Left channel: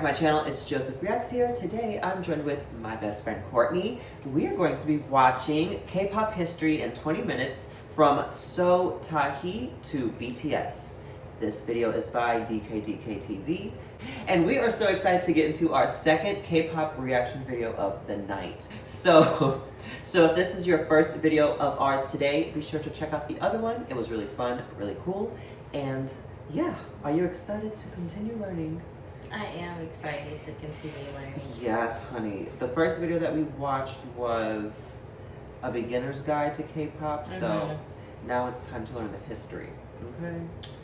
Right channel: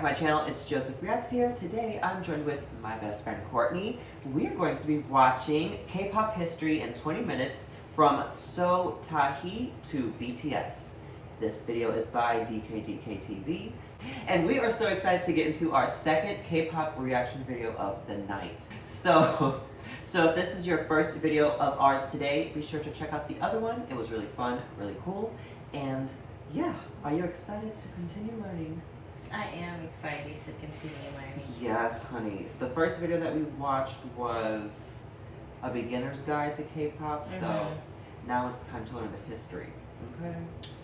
to my channel. It's Joseph Reacts here. Today I'm joined with my best friend Courtney. We are going to be watching K-pop history in 20 minutes from Seo Taiji to BTS. This video is by DKDKTV. And we are so excited to get into our second K-pop reaction video of the night. So if this is your first video of ours today, be sure to check out the other one. It was really fun, really cool. And yeah, are you excited to continue learning? I am excited to continue learning. Yes, honey. The first video that we watched was a beginner's guide to K-pop, so now it's time to learn the history, okay?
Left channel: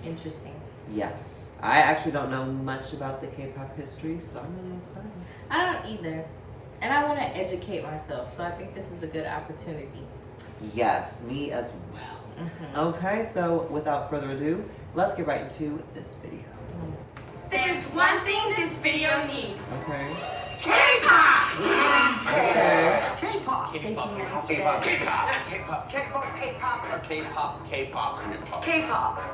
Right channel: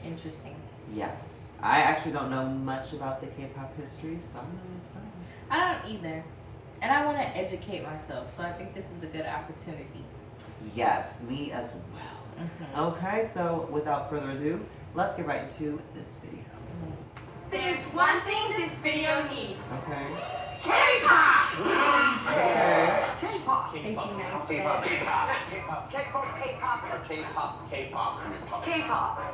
Interesting. Yes. I actually don't know much about the K-pop history, so I'm really excited. I don't either. And I want to educate myself, so I think this is a good opportunity. Yes, me as well. Okay, so without further ado, let's get right into this video. There's one thing this video needs. Okay. K-pop! Okay. K-pop.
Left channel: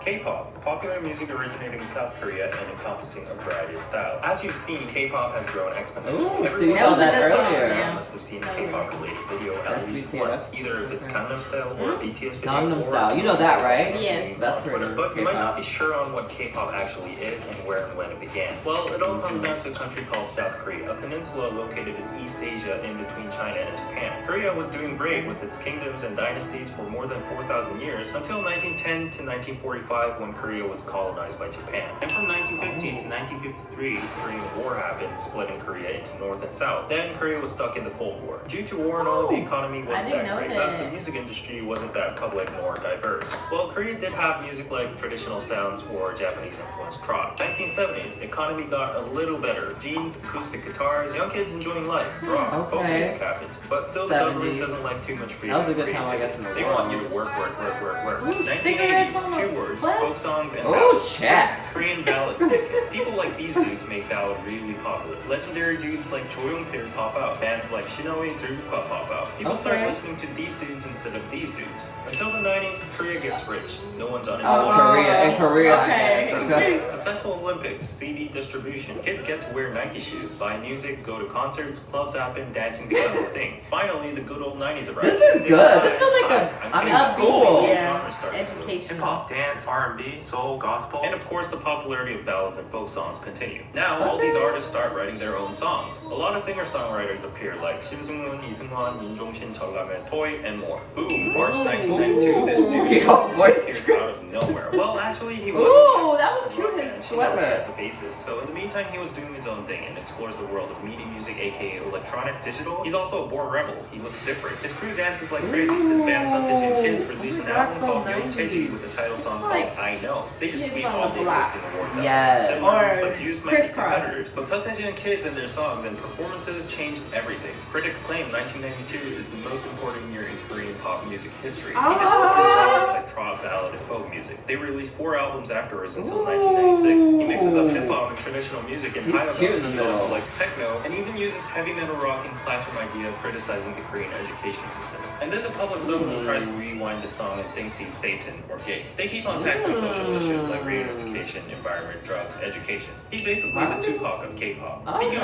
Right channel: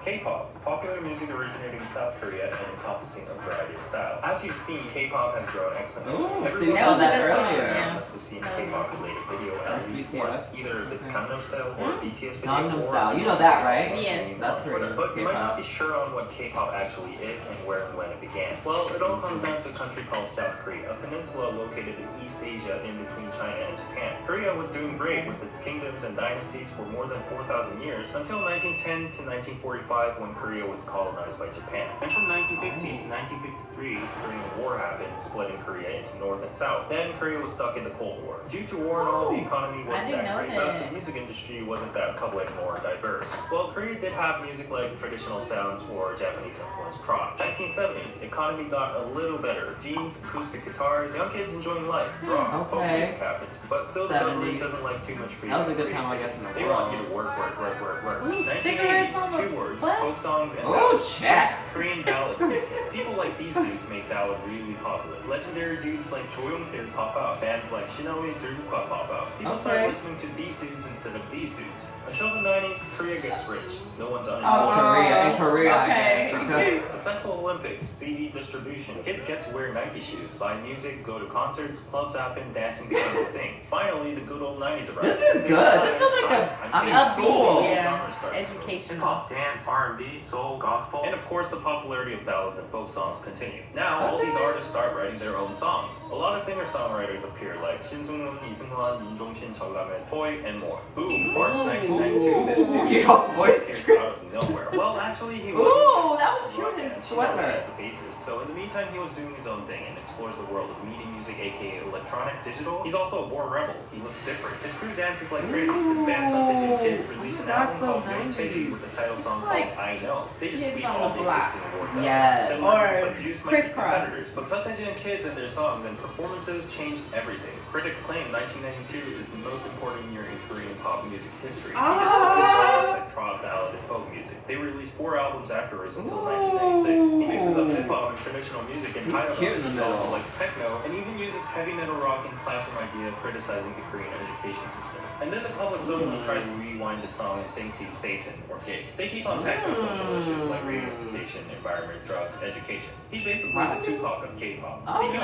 K-pop, popular music originating in South Korea and encompassing a variety of styles. As you've seen, K-pop has grown exponentially. Ooh, so Everyone you saw that earlier earlier. must have seen a K-pop related video at least BTS. once, either if it's Gangnam Style or BTS video. Gangnam or Style, you know that, right? Yes. That's pretty. But you might not be sure on what K-pop actually is and where and when it began. Well, it all comes down to a country called South Korea, a peninsula located in East Asia in between China and Japan. Korea was doing great with its kingdoms and dynasties for more than 4,000 years until 1910 to 1945 when Korea was colonized by Japan. And from 1915 to 1953, the Korean War happened, splitting Korea into North and South. Then Korea was stuck in the Cold War. Due to war and all, the economy wasn't that great, thus the music industry wasn't that public nor diverse. Well, Korea did have music like traditional sounds or Japanese-influenced trot. 1970s, economy got a little better. Jeans, acoustic guitars, young kids enjoying life, rock, folk music happened. But still, the government doesn't like too much freedom. That was a good time, I guess, in the They world. want you to work. Ooh, 1980, 2 words, folk songs, and Oh, ballads. check. Korean ballads kick in. People like these dudes make ballad really popular. Legendary dudes like Cho Young-pil pop out. Bands like Shinoi Drupa pop out. People start listening to these dudes instead of these dudes. Until the 90s, Korea gets rich. No one's unemployed. In Korea, okay. I guess. Successful Olympics, CD distribution. Kids get to wear Nike shoes, buy music, go to concerts, clubs happen, dancing becomes a thing. Finally, the good old 90s arrive. This is good. This feels like I'm in school. Yeah, educational. Hip-hop, dance, R&B, soul, gospel, and of course the popularity of ballads and folk songs continue. Now, all these artists start writing their own songs. A lot of singer-songwriters appear like Shin Sung-moon, Lee Seung-wan, Min Jong-shin, Jeolgamen, Toy, and more. Boom! March 1992, this dude appeared out of nowhere. Well, actually, he was. Ooh, that was cute, his sweater. As a bassist. So in the meantime, he was doing his own thing and explores the world of media music, aka electronic digital. He's also a born rebel. He looks different. His crew dances like crazy. His band SeoTaiji Kids released an album called SeoTaiji with a title song called I Know. They just sweep all the existing awards out. Yes. Similar produced might be Crisscross. competitors, but SeoTaiji Kids and their songs and performances changed everything. Critics claim 1992 is the most important year in Korean pop music history. He discovered genres like trot, ballad, and folk music. They released 4 albums afterwards until 1996. He mixes up hip hop and traditional music and high cute in the He middle. also likes techno and even uses heavy metal rock in Classroom Idea, criticizing the Korean education system. And then the public suddenly tries to rewind the song and thinks he's Satan or gay. They keep on tackling social issues like reunification, environment, drugs, education. He's basically the Tupac of K-pop. Speaking of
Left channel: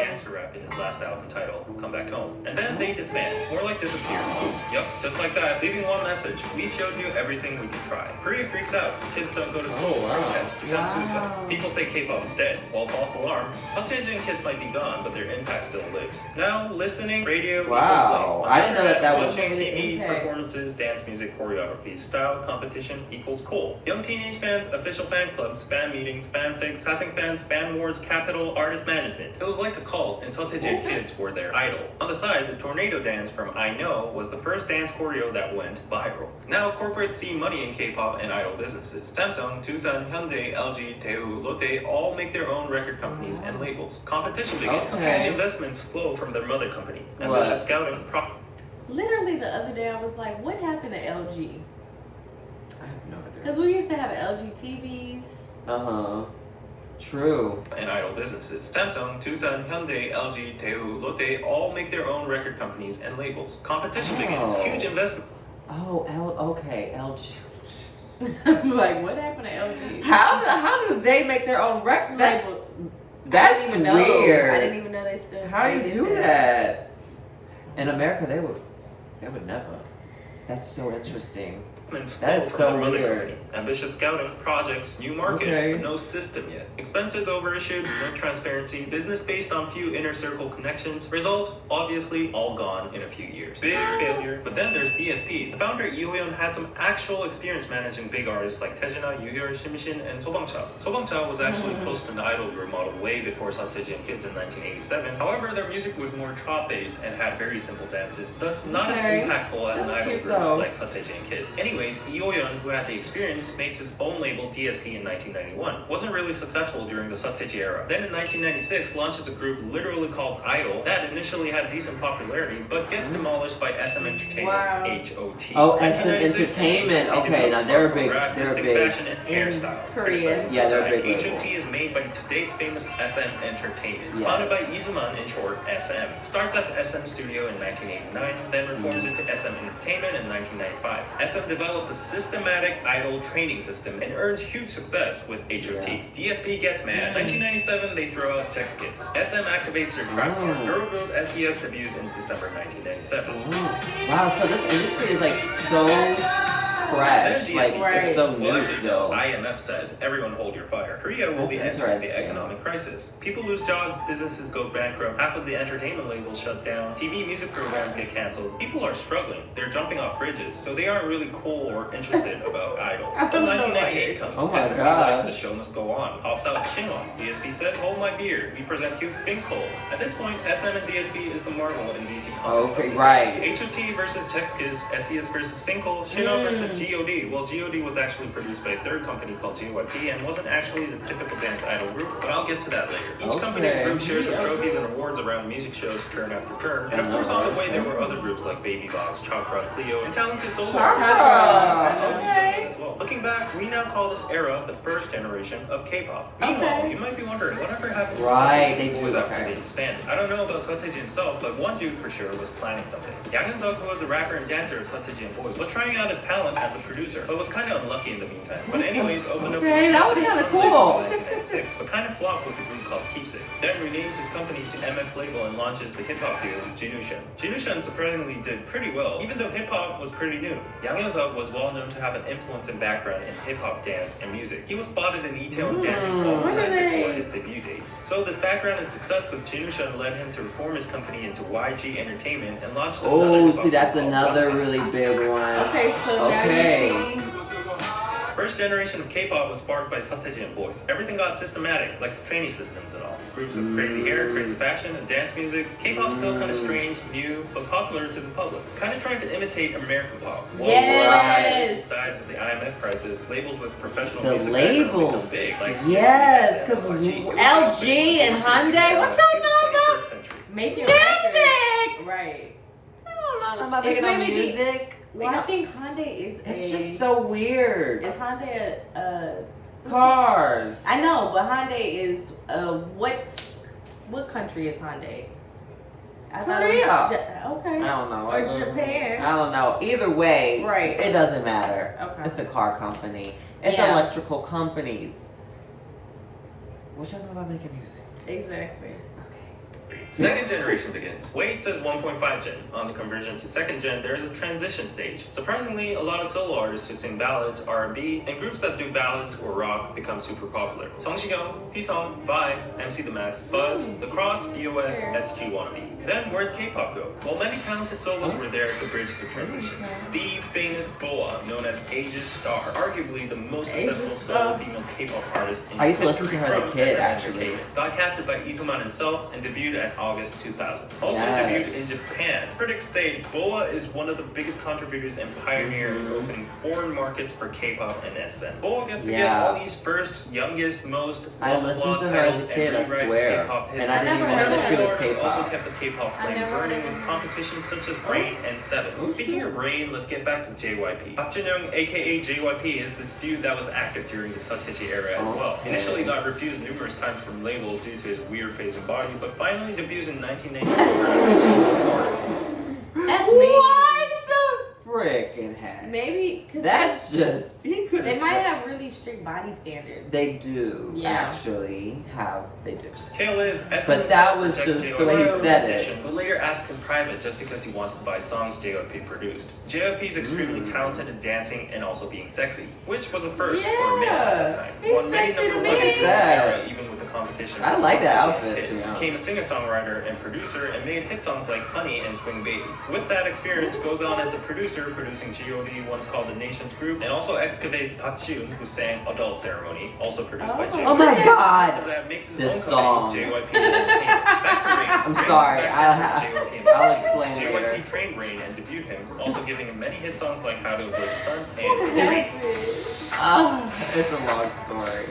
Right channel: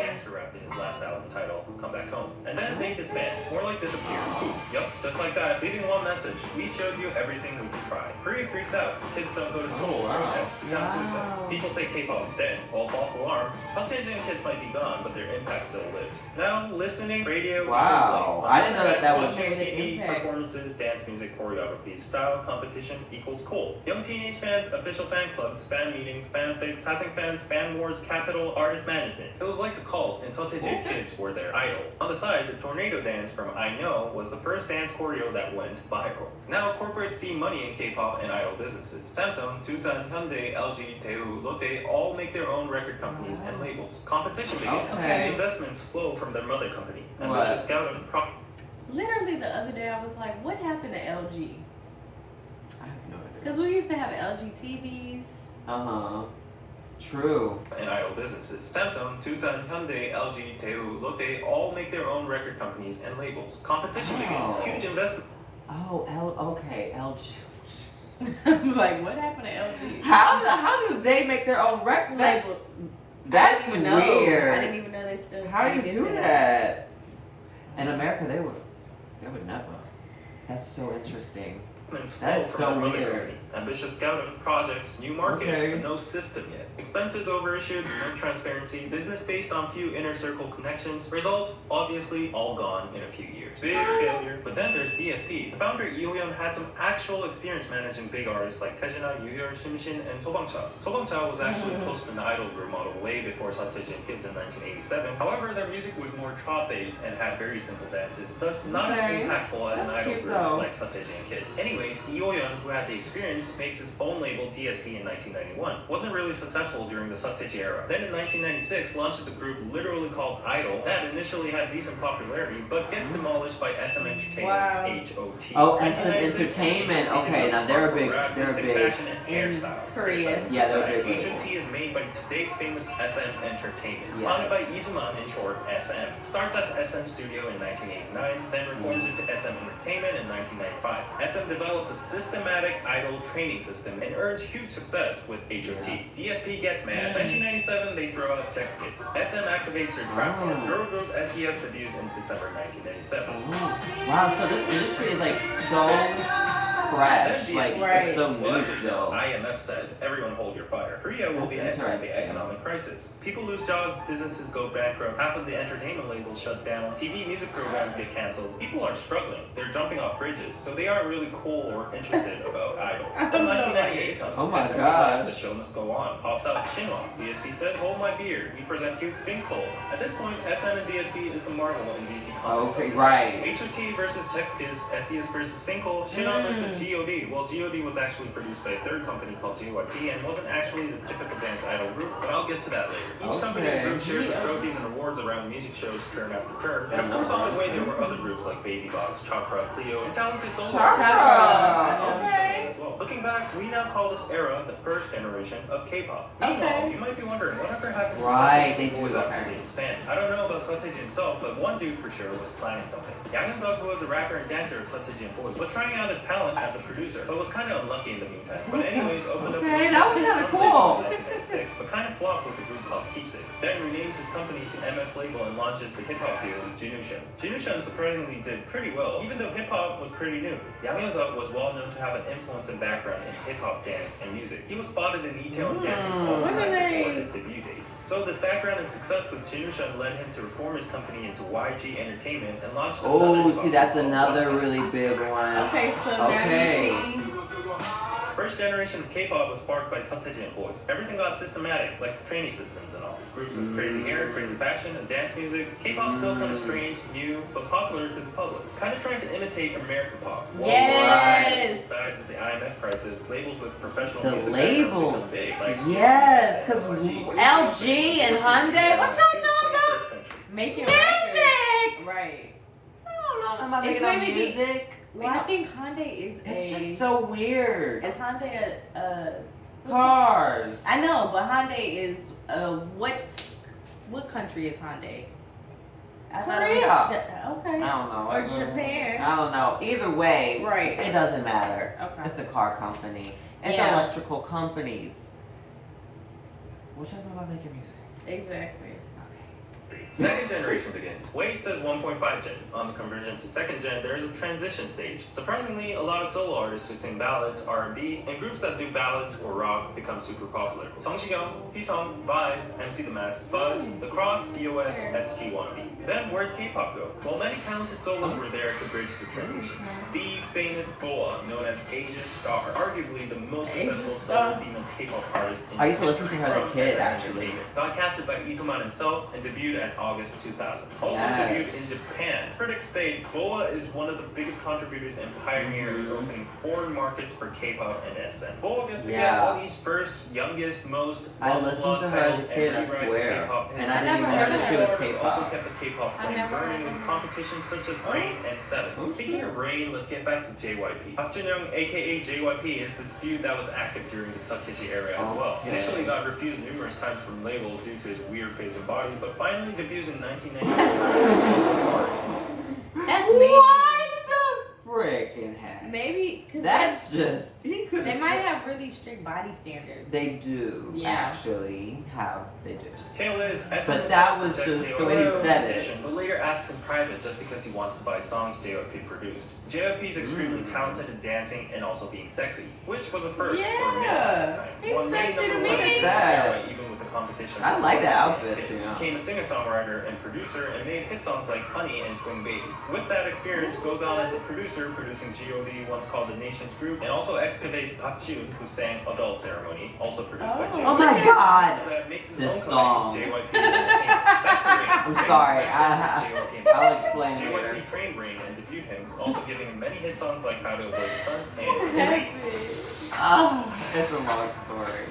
gangster rap in his last album titled Come Back Home. And then they disband, more like disappear. Yup, just like that, leaving one message. We've showed you everything we can try. Korea freaks out. Kids don't go to school. Protest, pretend suicide. People say K-pop is dead. Well, false alarm. Some Asian kids might be gone, but their impact still lives. Now, listening, radio, Wow. I didn't know that was watching TV, impact. performances, dance music, choreographies, style, competition equals cool. Young teenage fans, official fan clubs, fan meetings, fanfics, Hassing fans, fan wars, capital, artist management. It was like a cult, and SeoTaiji Kids were their idol. On the side, the tornado dance from I Know was the first dance choreo that went viral. Now, corporates see money in K-pop and idol businesses. Samsung, Doosan, Hyundai, LG, Daewoo, Lotte all make their own record companies and labels. Competition begins. Okay. Investments flow from their mother company. And What? there's a scouting Literally the other day I was like, what happened to LG? I have no idea. Because we used to have LG TVs. Uh-huh. True. and idol businesses. Samsung, Doosan, Hyundai, LG, Daewoo, Lotte all make their own record companies and labels. Competition begins. Huge investment. Okay, LG. I'm like, what happened to LG? How do they make their own record? Like, That's I didn't even know. weird. I didn't even know they still. How do they you did do that? In America, they would never. That's so interesting. That is from so their mother weird. company. Ambitious scouting, projects, new markets, Okay. but no system yet. Expenses overissued, no transparency, business based on few inner circle connections. Result, obviously, all gone in a few years. Big failure. But then there's DSP. The founder, Eo had some actual experience managing big artists like Taejina, Yugyeol, Shimshin, and Sobangcha. Sobangcha was actually close to an idol group model way before SeoTaiji and Kids in 1987. However, their music was more trot-based and had very simple dances, thus not as impactful as an That's idol cute, group though. like SeoTaiji and Kids. Anyways, Eo-yeon, who had the experience, makes his own label DSP in 1991. Wasn't really successful during the SeoTaiji era. Then in 1996, launches a group literally called Idol that initially had decent popularity, but gets demolished by SM Entertainment's HOT. Oh, SM 1996, Entertainment. HOT Okay, now develops they're hardcore big. They're artistic big. fashion and In hairstyles. Korea. Yeah, they're big. HOT is made by today's famous SM Entertainment. Yes. Founded by Izuman, in short, SM. Starts as SM Studio in 1989, then reforms into SM Entertainment in 1995. SM develops a systematic idol training system and earns huge success with HOT. DSP gets mad. 1997, they throw out Text Kids. SM activates their trap girl group SES debuts in December 1997. Wow, so this industry is like so fresh. Then Like, DSP it's so says, new actually, still. IMF says, everyone hold your fire. Korea will be That's entering the interesting. economic crisis. People lose jobs, businesses go bankrupt, half of the entertainment labels shut down, TV music programs get canceled. People are struggling. They're jumping off bridges, so they aren't really cool or interested about idols. Then 1998 comes. Oh my SM gosh. The show must go on. Pops out Shinwa. DSP says, hold my beer. We present you Finkel. At this point, SM and DSP is the Marvel and DC comics. Okay, right. HOT versus Texkiz, SES versus Finkel, Shinwa versus GOD. Well, GOD was actually produced by a third company called JYP and wasn't actually the typical dance idol group, but I'll get to that later. Each company and group shares the trophies and awards around music shows turn after turn. And of course, on the way, there were other groups like Baby Box, Chakra, Cleo, and talented solo Okay. as well. Looking back, we now call this era the first generation of K-pop. Meanwhile, you might be wondering, whatever happened to Right, they SeoTaiji do, boys after okay. they expanded? I don't know about SeoTaiji himself, but one dude for sure was planning something. Yang Hyun-suk, who was the rapper and dancer of SeoTaiji and Boys, was trying out his talent as a producer, but was kind of unlucky in the meantime. But anyways, opened up Okay, that was kinda cool. in 1996, but kind of flopped with a group called Keepsakes. Then renames his company to MF Label and launches the hip-hop duo Jinushan. Jinushan surprisingly did pretty well, even though hip-hop was pretty new. Yang Hyun-suk was well known to have an influence and background in hip-hop dance and music. He was spotted in E-tail and dancing all the time before his debut dates. So this background and success with Jinushan led him to reform his company into YG Entertainment and launched another Oh, hip-hop see, that's group called another YG. really big one. Okay, so now Okay. you see. First generation of K-pop was sparked by SeoTaiji and Boys. Everything got systematic, like the training systems and all. Groups with crazy hair, crazy fashion, and dance music. K-pop's still kind of strange, new, but popular to the public. Kind of trying to imitate American pop. Yes. Aside with the IMF crisis, labels with professional The music backgrounds labels. become big. Like Yes, because LG, LG and Hyundai, what y'all know about 21st century. Making music? records. Right. I don't know about It's making maybe the- music. Well, I think Hyundai is It's a. just so weird. Is Hyundai a? Cars. I know, but Hyundai is what country is Hyundai? I thought it was okay. I don't know. Or Japan. I don't know. Either way, Right. it doesn't matter. Okay. It's a car company. It's Yeah. electrical companies. What y'all know about making music? Exactly. Okay. Second generation begins. Wade says 1.5 gen. On the conversion to second gen, there is a transition stage. Surprisingly, a lot of solo artists who sing ballads, R&B, and groups that do ballads or rock become super popular. Song Shigeon, P-Song, Vibe, MC The Max, Buzz, The Cross, EOS, SG Wannabe. Then where'd K-pop go? Well, many talented solos were there to bridge the transition. The famous Boa, known as Asia's Star, arguably the most successful solo female K-pop artist in I used to listen to history her as a from kid, SM actually. Entertainment. Got casted by Izuman himself and debuted at August 2000. Also Yes. debuted in Japan. Critics state Boa is one of the biggest contributors and pioneer in opening foreign markets for K-pop and SM. Boa gets to get Yeah. all these first, youngest, most I listened to her as a kid, I swear. And I didn't even know that she was Also K-pop. kept the K-pop I flame never burning heard of with her. competitions such as Rain and Seven. Oh, Speaking shit. of Rain, let's get back to JYP. Park Jin-young, aka JYP, is this dude that was active during the SeoTaiji era as well. Okay. Initially got refused numerous times from labels due to his weird face and body, but finally debuts in 1994. That's me. What the frickin' heck? Maybe because That's just, he could good. They might have really strict body standards. They do Yeah. actually have. They do. Tale is, But that was just the way he said it. But later asked in private just because he wants to buy songs JYP produced. JYP is extremely talented at dancing and also being sexy, which was a first for a male at the time. He's Won many sexy number to one me. hits in the era, even with the competition. I like that outfit, Kids. too. Became a singer-songwriter and producer and made hit songs like Honey and Swing Baby. With that experience, goes on as a producer, producing G.O.D, once called the Nations Group, and also excavates Park Ji-hoon, who sang Adult Ceremony, also produced by JYP. Oh my god! After that, makes his This own song. company, JYP Entertainment. Back to Rain. I'm Rain sorry, was back then JYP I'll Entertainment. explain later. JYP trained Rain and debuted him, also giving him many hit songs like How to Avoid the Sun and It's a long story.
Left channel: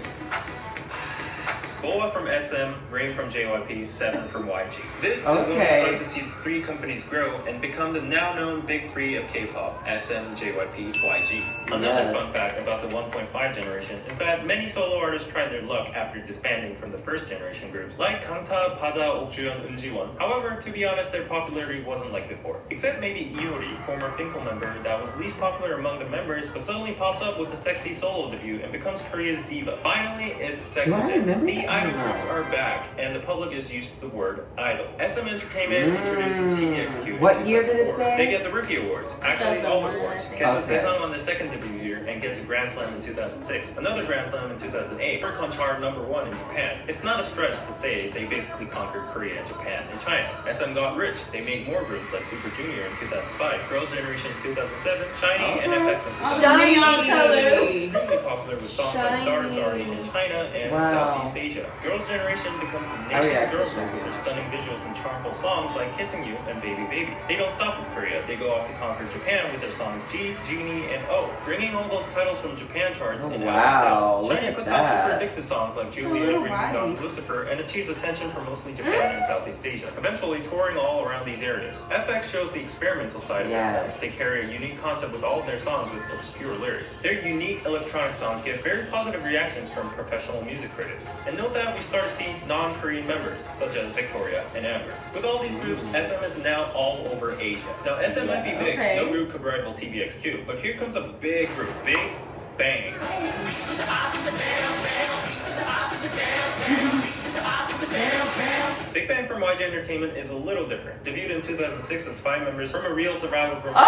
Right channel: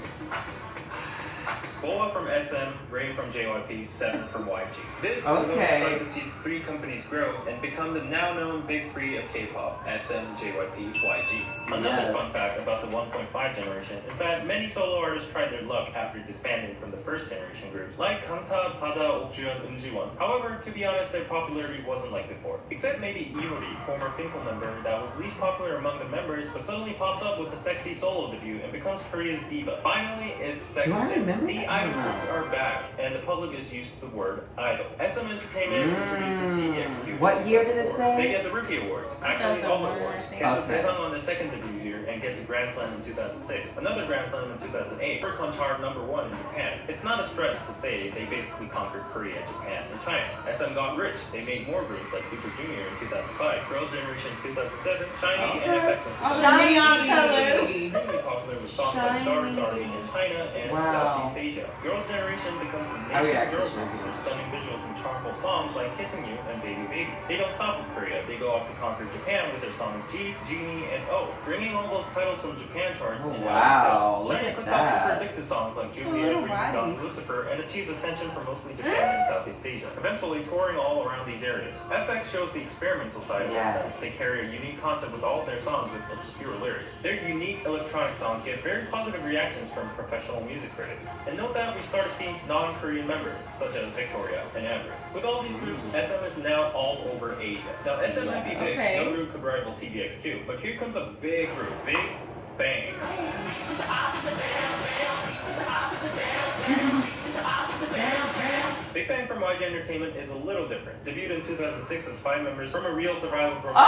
Boa from SM, Rain from JYP, Seven from YG. This is when we start to see the three companies grow and become the now known big three of K-pop, SM, JYP, YG. Another fun fact about the 1.5 generation is that many solo artists tried their luck after disbanding from the first generation groups, like Kangta, Pada, Okjuyeon, Eunjiwon. However, to be honest, their popularity wasn't like before. Except maybe Iori, former Finkel member that was least popular among the members, but suddenly pops up with a sexy solo debut and becomes Korea's diva. Finally, it's second gen. The idol groups are back, and the public is used to the word idol. SM Entertainment introduces TVXQ. What year did it say? They get the Rookie Awards, actually all the 2001, awards. I think. Gets a Taesung on their second debut year and gets a Grand Slam in 2006, another Grand Slam in 2008. Oricon chart #1 in Japan. It's not a stretch to say they basically conquered Korea, Japan, and China. SM got rich. They made more groups like Super Junior in 2005, Girls' Generation in 2007, Shiny, and FX in 2008. Extremely popular with songs like Sorry Sorry in China and Southeast Asia. Girls' Generation becomes the nation's girl group with their stunning visuals and charmful songs like Kissing You and Baby Baby. They don't stop with Korea. They go off to conquer Japan with their songs G, Genie, and O, bringing all those titles from Japan charts and album sales. Shiny puts out super addictive songs like Juliet, Ring Dong, Lucifer, and achieves attention from mostly Japan and Southeast Asia, eventually touring all around these areas. FX shows the experimental side of SM. They carry a unique concept with all of their songs with obscure lyrics. Their unique electronic songs get very positive reactions from professional music critics. And note that we start to see non-Korean members, such as Victoria and Amber. With all these groups, SM is now all over Asia. Now, SM might be big, no group could rival TVXQ, but here comes a big group, Big Bang. Big Bang from YG Entertainment is a little different. Debuted in 2006 as 5 members from a real survival program.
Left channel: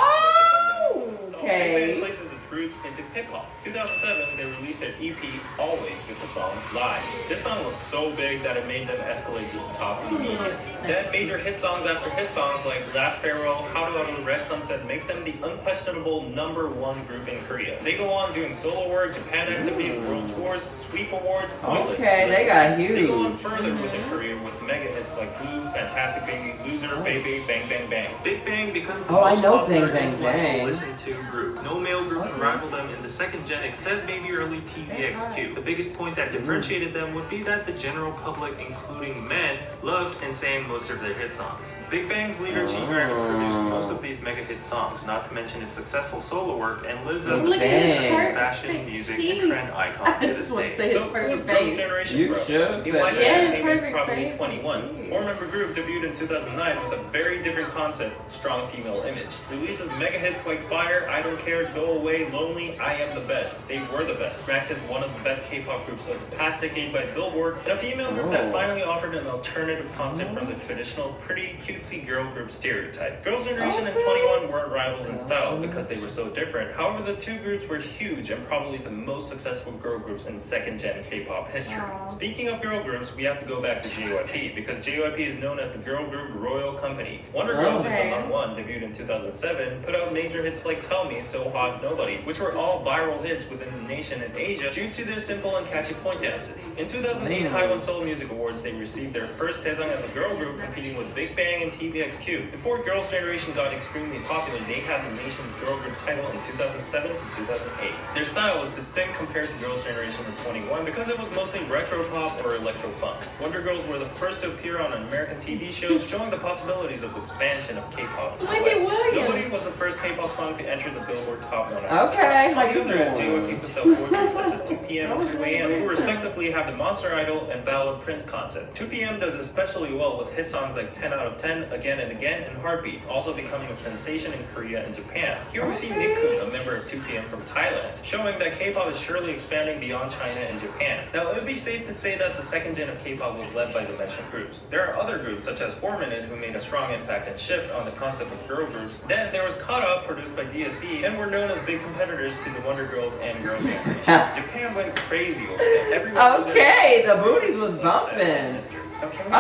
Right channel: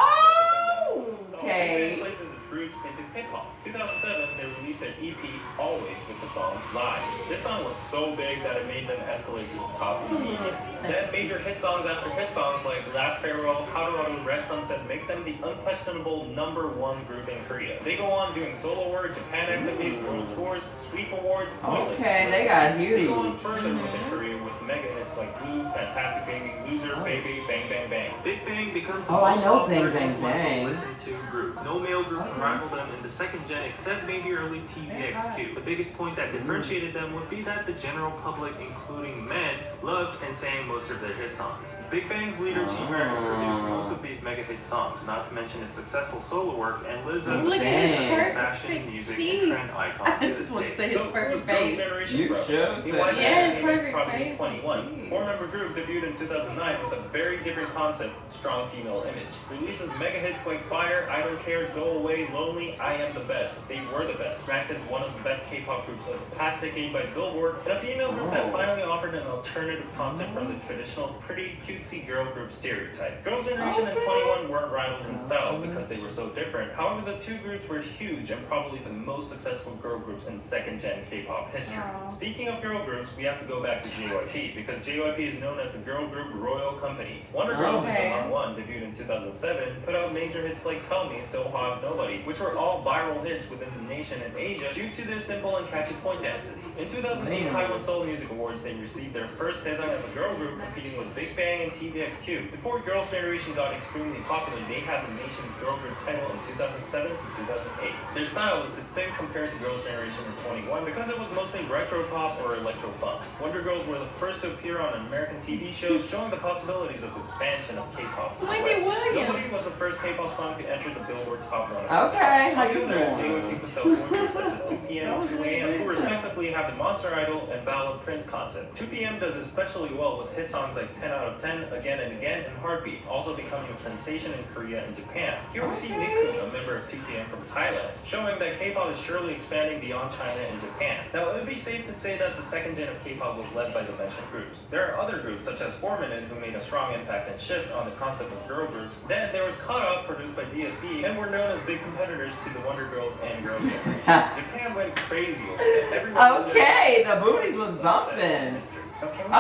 Big Bang places its roots into hip-hop. 2007, they released their EP, Always, with the song Lies. This song was so big that it made them escalate to the top immediately. Then major hit songs after hit songs like Last Farewell, How to Auto, Red Sunset make them the unquestionable #1 group in Korea. They go on doing solo work, Japan activities, world tours, sweep awards, pointless. They got huge. They go on further with their career with mega hits like Blue, Fantastic Baby, Loser, Baby, Bang Bang Bang. Big Bang becomes the most popular influential listened to group. No male group can rival them in the second gen except maybe early TVXQ. The biggest point that differentiated them would be that the general public, including men, loved and sang most of their hit songs. Big Bang's leader G Dragon produced most of these mega hit songs, not to mention his successful solo work, and lives as a fashion, music, and trend icon to this day. So who's Girls' Generation, bro? In YG Entertainment, probably 21. 4-member group debuted in 2009 with a very different concept, strong female image. Releases mega hits like Fire, I Don't Care, Go Away, Lonely, I Am the Best. They were the best, ranked as one of the best K-pop groups of the past decade by Billboard, and a female group that finally offered an alternative concept from the traditional pretty cutesy girl group stereotype. Girls' Generation and 21 weren't rivals in style because they were so different. However, the two groups were huge and probably the most successful girl groups in second-gen K-pop history. Speaking of girl groups, we have to go back to JYP because JYP is known as the girl group Royal Company. Wonder Girls is among one, debuted in 2007, put out major hits like Tell Me, So Hot, Nobody, which were all viral hits within the nation and Asia due to their simple and catchy point dances. In 2008 Haiwon Seoul Music Awards, they received their first Taesung as a girl group, competing with Big Bang and TVXQ. Before Girls' Generation got extremely popular, they had the nation's girl group title in 2007 to 2008. Their style was distinct compared to Girls' Generation and 21 because it was mostly retro pop or electro funk. Wonder Girls were the first to appear on American TV shows, showing the possibilities of expansion of K-pop. Nobody was the first K-pop song to enter the Billboard Top 100. Okay, how On the you other hand, doing? JYP puts out boy groups such as 2PM and 2AM, who respectively have the Monster Idol and Ballad Prince concept. 2PM does especially well with hit songs like 10 out of 10, Again and Again, and Heartbeat, also becoming a sensation in Korea and Japan. Here we see Nickun, a member of 2PM from Thailand, showing that K-pop is surely expanding beyond China and Japan. Now, it would be safe to say that the second gen of K-pop was led by the mentioned groups. There are other groups such as 4 Minute who made a strong impact and shift on the concept of girl groups. Then there was Caught Up, produced by DSB, and were known as big competitors to the Wonder Girls and Girls' Generation. Japan went crazy over them. Everyone Okay, the booties was bumping. Now, can we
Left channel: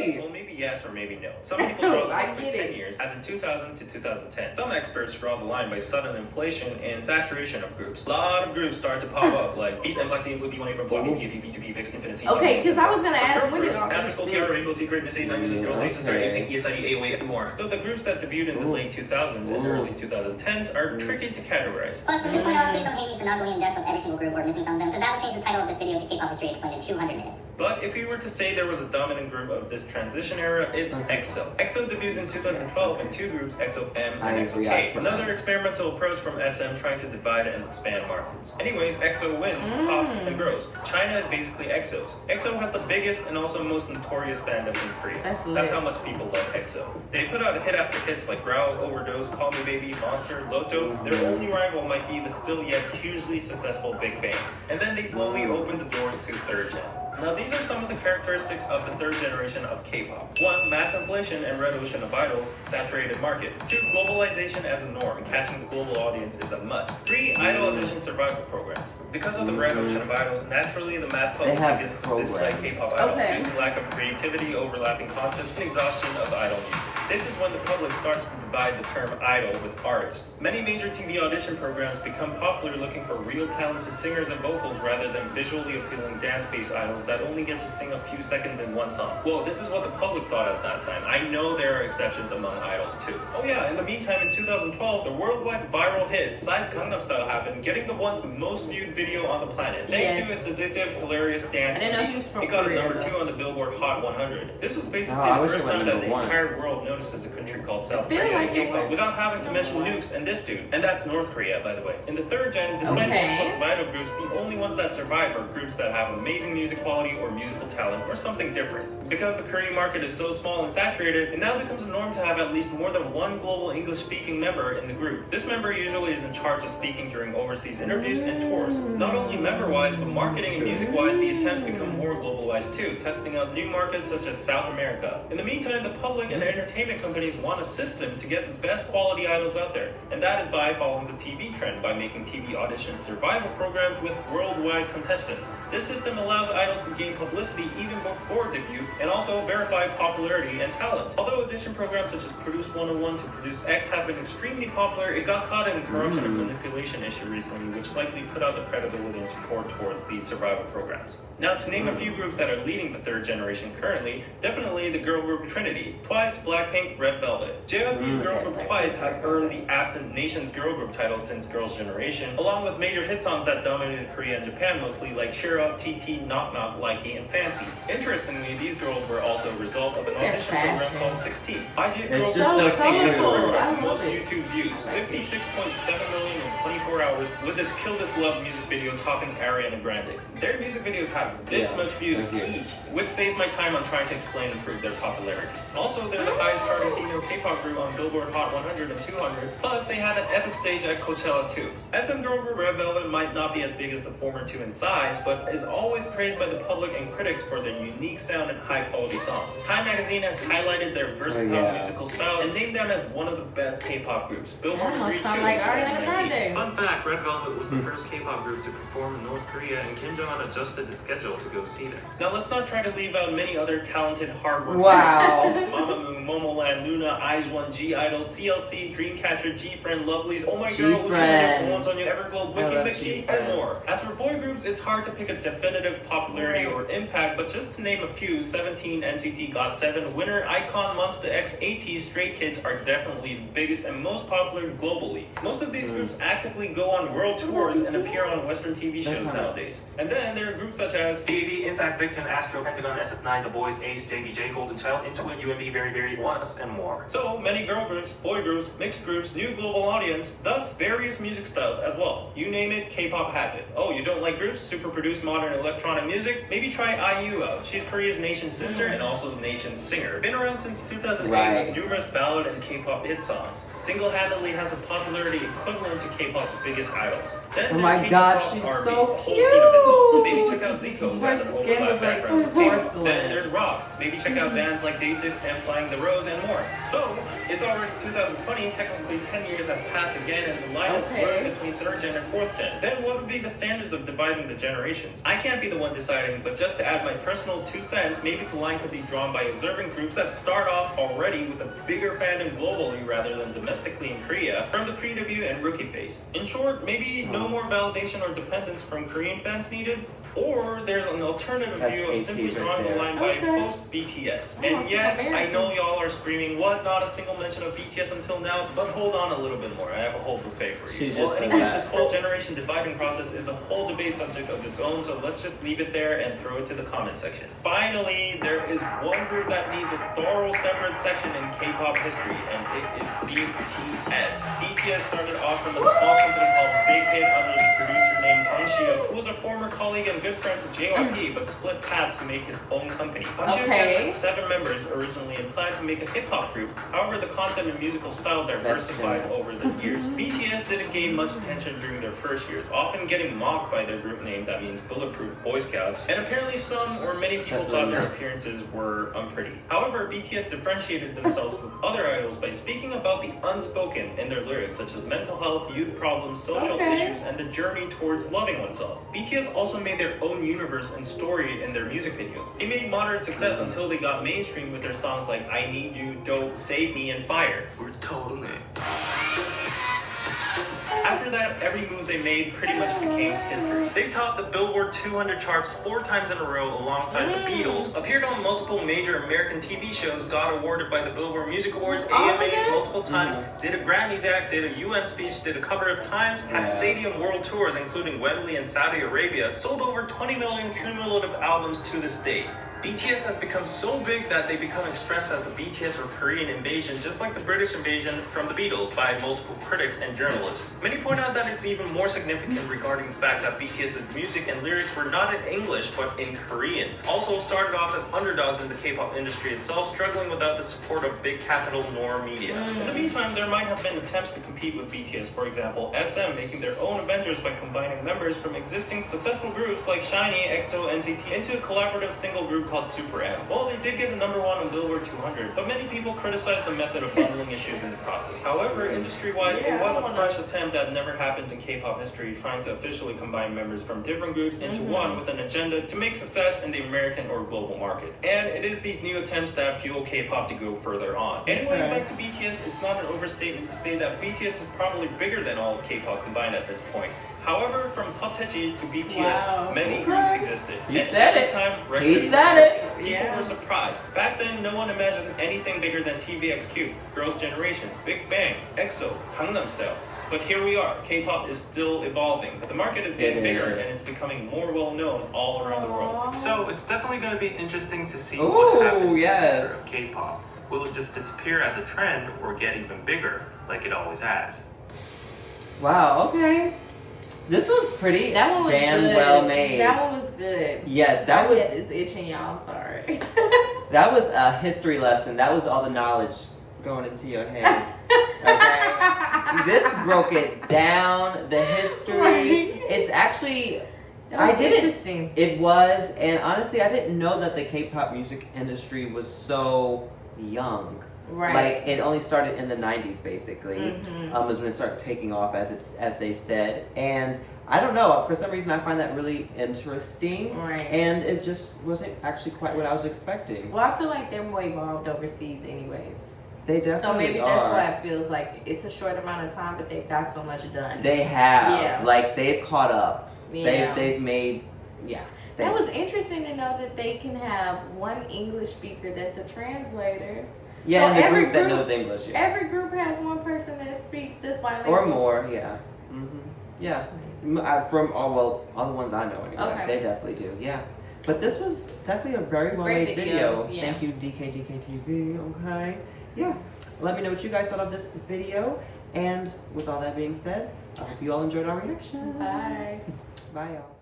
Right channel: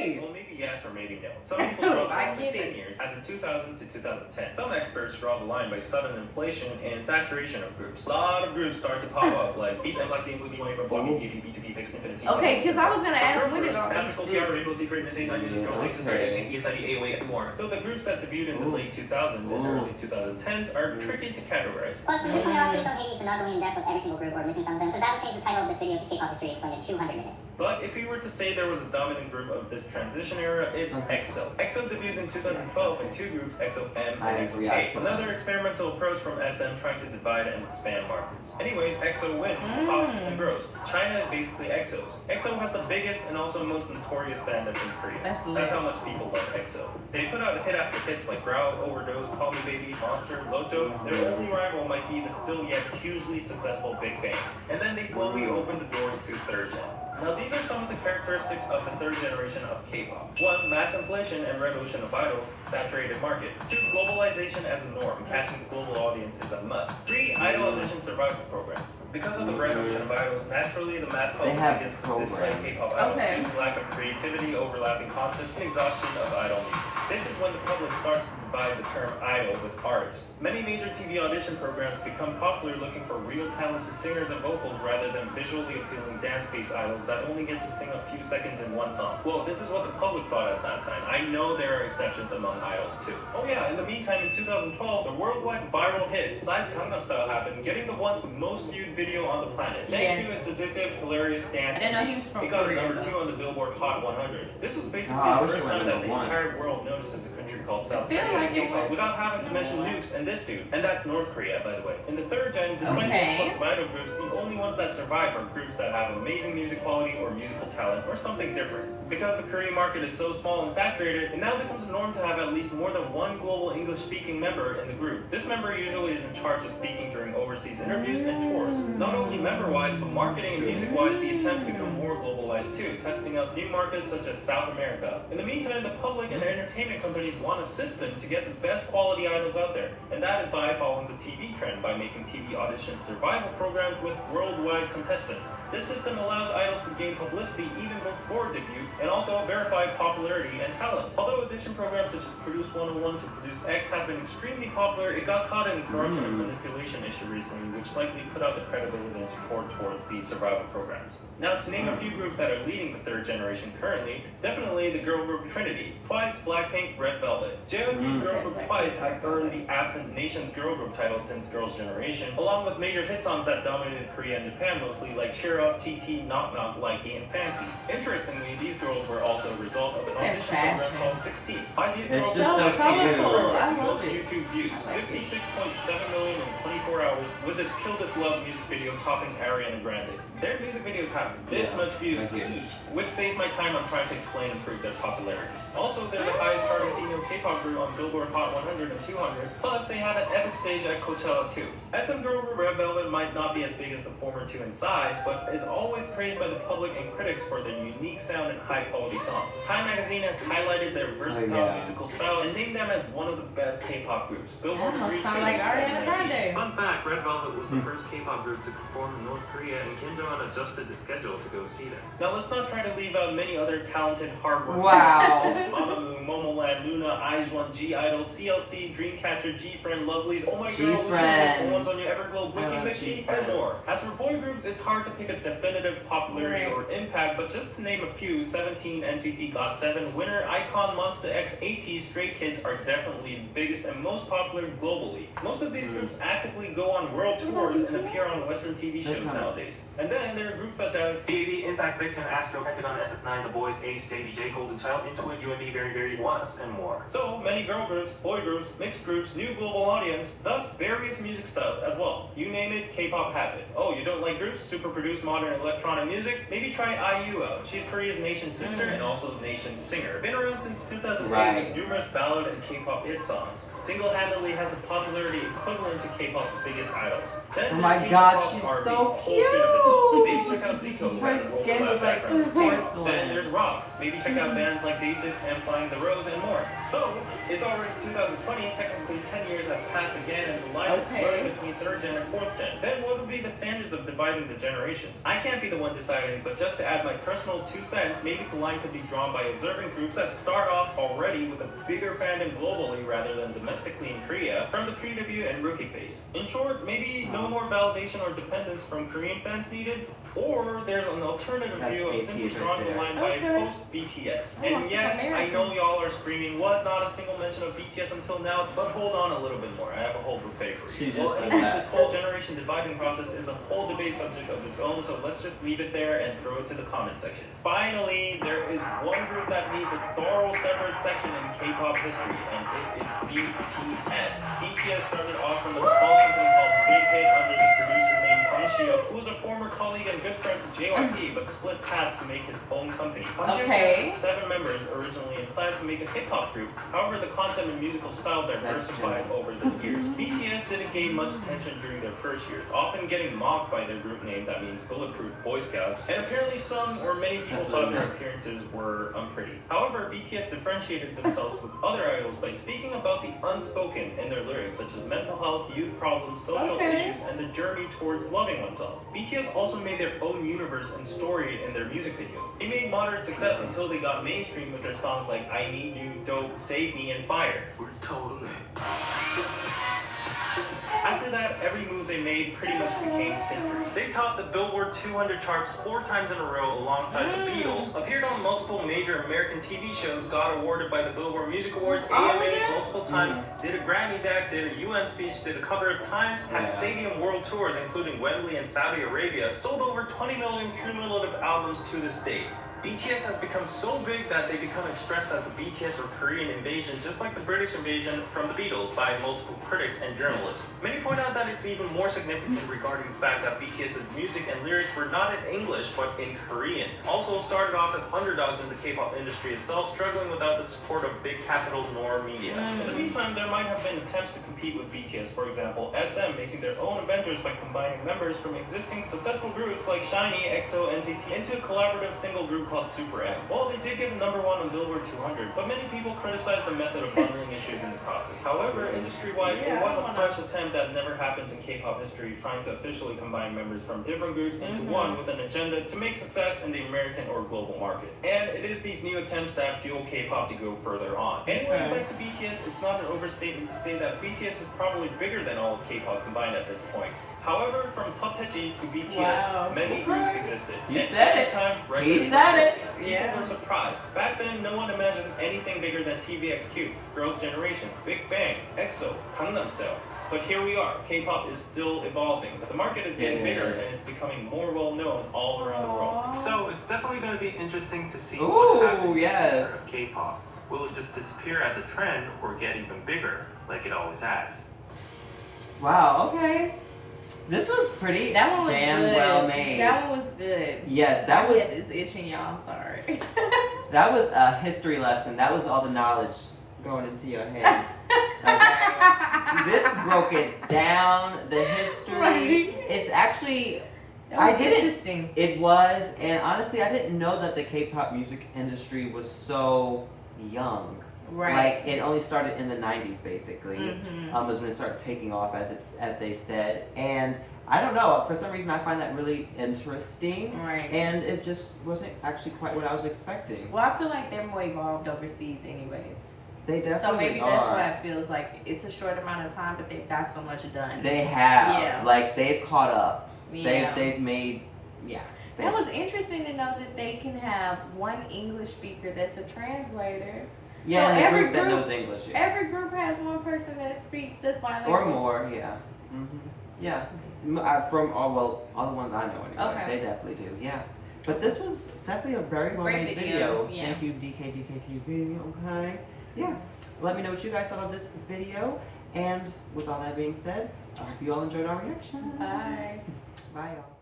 Okay. Well, maybe yes or maybe no. Some people draw the I line by get 10 it. years, as in 2000 to 2010. Some experts draw the line by sudden inflation and saturation of groups. A lot of groups started to pop up, like Beast and Black Scene would be one from Block BTS, B2B, Vix, Infinity. Okay, because I was gonna ask when did all After these School TR, Rainbow groups? Secret, Miss 8, Music Girls, Jason Started, ESID, AOA, and more. Though the groups that debuted in the late 2000s and early 2010s are tricky to categorize. Plus, from this point on, please don't hate me for not going in depth with every single group or missing some of them, because that will change the title of this video to K-pop history explained in 200 minutes. But if we were to say there was a dominant group of this transition era, it's EXO. EXO debuts in 2012 in 2 groups, EXO-M I and EXO-K. react to Another that. experimental approach from SM trying to divide and expand markets. Anyways, EXO wins, pops, and grows. China is basically EXO's. EXO has the biggest and also most notorious fandom in Korea. That's lit. That's how much people love EXO. They put out hit after hits like Growl, Overdose, Call Me Baby, Monster, Loto. Their only rival might be the still yet hugely successful Big Bang. And then they slowly open the doors to third gen. Now, these are some of the characteristics of the third generation of K-pop. 1. Mass inflation and red ocean of idols, saturated market. 2. Globalization as a norm, catching the global audience is a must. 3. Idol audition survival programs. Because of the red ocean of idols, naturally the mass public have begins to dislike programs. K-pop idols Okay. due to lack of creativity, overlapping concepts, and exhaustion of idol music. This is when the public starts to divide the term idol with artist. Many major TV audition programs become popular looking for real talented singers and vocals rather than visually appealing dance-based idols that only get to sing a few seconds in one song. Well, this is what the public thought at that time. I know there are exceptions among idols too. Oh yeah, in the meantime, in 2012, the worldwide viral hit Psy's Gangnam Style happened, getting the once most viewed video on the planet. Thanks to its addictive, hilarious dance. I didn't know he was from It got Korea, a number though. 2 on the Billboard Hot 100. This was basically I the wish it first went time that number the 1. entire world notices a country called South feel Korea like and it K-pop was. without having to mention nukes and this dude. And that's North Korea, by the way. In the third gen, despite the Okay. influx of idol groups, the only ones that survive are groups that have amazing music quality or musical talent or something different. Because the Korean market is so small and saturated, it now becomes a norm to have at least more than one global English-speaking member in the group. This member usually is in charge of speaking during overseas interviews and tours. Not only member-wise, but marketing and music-wise, the attempts become more globalized too, testing out new markets such as South America. In the meantime, the public and entertainment companies want a system to get the best quality idols out there, and that is by following the TV trend, by making TV audition survival programs with worldwide contestants. This system allows idols to gain publicity even before debut, and also verify popularity and talent. Although audition programs such as Produce 101 to Produce X have been extremely popular, it got caught in a corruption and manipulation issue recently, which likely put out the credibility and support towards these survival programs. Now, to name a few groups that are leading the third generation currently, definitely the girl group Trinity, Twice, Blackpink, Red Velvet. JYP's girl group Twice has earned the absent nation's girl group title since Girls' Generation, along with major hit songs that dominated Korea and Japan mostly, like Cheer Up, TT, Knock Knock, Likey, and Fancy. Interestingly, these girls were also a result of an audition program called 16. YG's girl It's group just so colorful. I love most it. YouTube views, 56.7 million in 24 hours, with its Kill This Love music video topping Ariana Grande. Their music videos have this much views each, which saves my time on trying to explain and prove their popularity. Also, they're the highest charting female K-pop group on Billboard Hot 100 and 200, plus they had an epic stage at Coachella too. SM girl group Red Velvet might not be as big as the former two in size, but is always praised by the public and critics for their unique sound and high-quality songs. Time magazine has highlighted their versatile musical style and named them as one of the best K-pop groups. Billboard That must agreed sound too like in Ariana 2019. Grande. Fun fact, Red Velvet was the first K-pop group to perform in North Korea, and Kim Jong-un adjusted the schedule to go see them. Now let's not try to leave out many other talented, hardworking Wow. such as Mamamoo, Momoland, Luna, IZ*ONE, G-Idol, CLC, Dreamcatcher, G-Friend, Lovelies, Oh My Girl, G-Friends. One's on Your Everglow, I Wiki love Mickey, G-Friends. and more. As for boy groups, it's hard to pick a definitive popularity or impact, but just to name a few, 2017 NCT GOT7 winner icon Monster X AT Stray Kids are definitely the biggest and most popular globally. Most of these groups actively go on world tours and appear on Western TV shows nowadays. And then there are groups such as BAB, Impact, Victon, Astro, Pentagon, SF9, The Boys, Ace, JDJ, Golden Child, Intuit, UMB, Very Very, Once, and more. so many girl groups, boy groups, mixed groups, new global audience, thus various music styles as well. You name it, K-pop has it. Oh, you don't like groups, super produced modern electronic music? Maybe try IU out. She's Korea's nation's sister and also the nation's singer. Been around since 2008 with numerous ballad and K-pop hit songs. Single-handedly has the popularity equivalent to K-pop's biggest idols. Then Oh my there's God, K-pop she's R&B, so whole scene of its own. cute. Maybe check out Zico, who Her has an skin overlap was like background with K-pop. porcelain. Then there's rock. Maybe check out bands like Day6 and Flying the Rose and more. So, it's already 2020, technically 10 years have passed again, and the line is blurring between 3rd gen and 4th gen. Then what would be the standards of dividing the generations? I can't be the one deciding, but just to add my personal 2 cents, maybe the line could be drawn by observing groups that start off already with a bigger fandom globally rather than domestically in Korea from the pre-debut and rookie phase. In short, maybe no more validation or dependence from Korean fans needed, or there's an alternative That's view of simply ATs right drawing the there. line by post-BTS. And yes, I know y'all are screaming, what? Not a single mention of BTS until now, but hold on a little bit more. I have a whole buffet for you. She just Well, said anyways, that. this whole generation dividing process is a whole debate subject of its own, so let's just leave it there and throw it to the comment section. Finally, there is one group that needs a thorough separate section in K-pop history, and it is BTS. BTS started off from a small company called Big Hit under the producer named Bang Sheo, who was a former colleague and good friend to JYP, but split paths to make his own company. Bang Sheo had 7 members originally and planned to make a hip-hop group. However, the content and musical style diversified over the years. BTS didn't gain much attention during their first years, often getting mocked by their group name that means Bulletproof Boy Scouts, and apparently some or many people thought their appearances were unpretty. However, BTS differentiated themselves with other idols by speaking about the unspoken in their lyrics, such as mental health, youth problems, social issues, and the journey towards loving oneself. BTS also made their own universe and story in their music videos. They made moderate success until they got mainstream with their songs like I Need You, Dope, Save Me, and Fire. After that, every move they made pretty much became history. They topped the Billboard 200 charts 4 times in a row alongside the Beatles, appeared on multiple major American TV shows, got awarded by the Billboard Music Awards, AMAs multiple times, did a Grammys act, did a UN speech, did a cover of Times, had stadium world tours including Wembley and Saudi Arabia, sold over 20 million cumulative albums to this day. BTS has become so big that they become expressed as the BTS or Korean invasion, just like the British invasion from the Beatles by multiple critics and journalists. Many point out that it's even more significant regarding the fact that BTS's music and lyrics were not in English but in Korean. Also started off as underdogs in the K-pop industry itself, struggling without the support of big capital nor media. In the meantime, there might have been attempts to compete with BTS, for example, SM making their own Avengers by combining members from existing successful groups like SHINee, EXO, NCT into a collaborative single group called Super M. Well, they did get the #1 on Billboard 200, but many people criticized the method of bundling issues in the process. However, industry-wise, it was a fresh attempt that never happened in K-pop history, trying to officially combine members from different groups into one with an agenda to make success in the American or global market. And it is these new attempts that fuel K-pop to go further on. Anyways, back to BTS, it's not an overstatement to say that BTS is probably bigger than all of K-pop combined at this point. However, from Seo Taiji to BTS, many groups existed. You And said every it. time He said it. people were surprised. Back then, no one imagined anything bigger than TVXQ, Girls' Generation, Big Bang, EXO, Gangnam Style. But here we are. K-pop is still evolving. The market is getting bigger and it's becoming more well-known all around the world. So it's definitely going to be interesting to see what happens in the future of K-pop. Will it just disappear as a trend or get even bigger like it always has? Wow, okay. This was pretty That one was damn good. well made. That one was good. Yes, that My was head is itching, y'all. I'm sorry. that was a history lesson. That was all the knowledge going into your head. Okay. This broke it down. The history. Right. It's actually That was interesting. It was, and honestly, I didn't know that the K-pop music industry was so young. Right. Like it only started in the 90s, basically. Was when it started taking off, as they said. And I don't know, for some reason, I find that really interesting. Right. And it just wasn't actually quite what I was expecting. Well, I feel like they're more evolved overseas, anyways. They definitely So maybe are. that's why it feels like it's a short amount of time, but they've got so much done. They have. Yeah. Like they've caught up. Yeah. They've made Yeah. That was interesting to know that they can have one English speaker that's a translator. Yeah, So and the every group that group- knows English. Yeah. Every group has one person that speaks this bilingual. Or more, yeah. Yeah. That's amazing. From all the ones I know anyway. Okay. They definitely do, yeah. But this was definitely a very well Great made video, video. yeah. Thank you, DKTV. Okay. Yeah. Let me know what you guys thought of this video. And with all that being said, I hope you all enjoyed our reaction. Bye. Bye, y'all.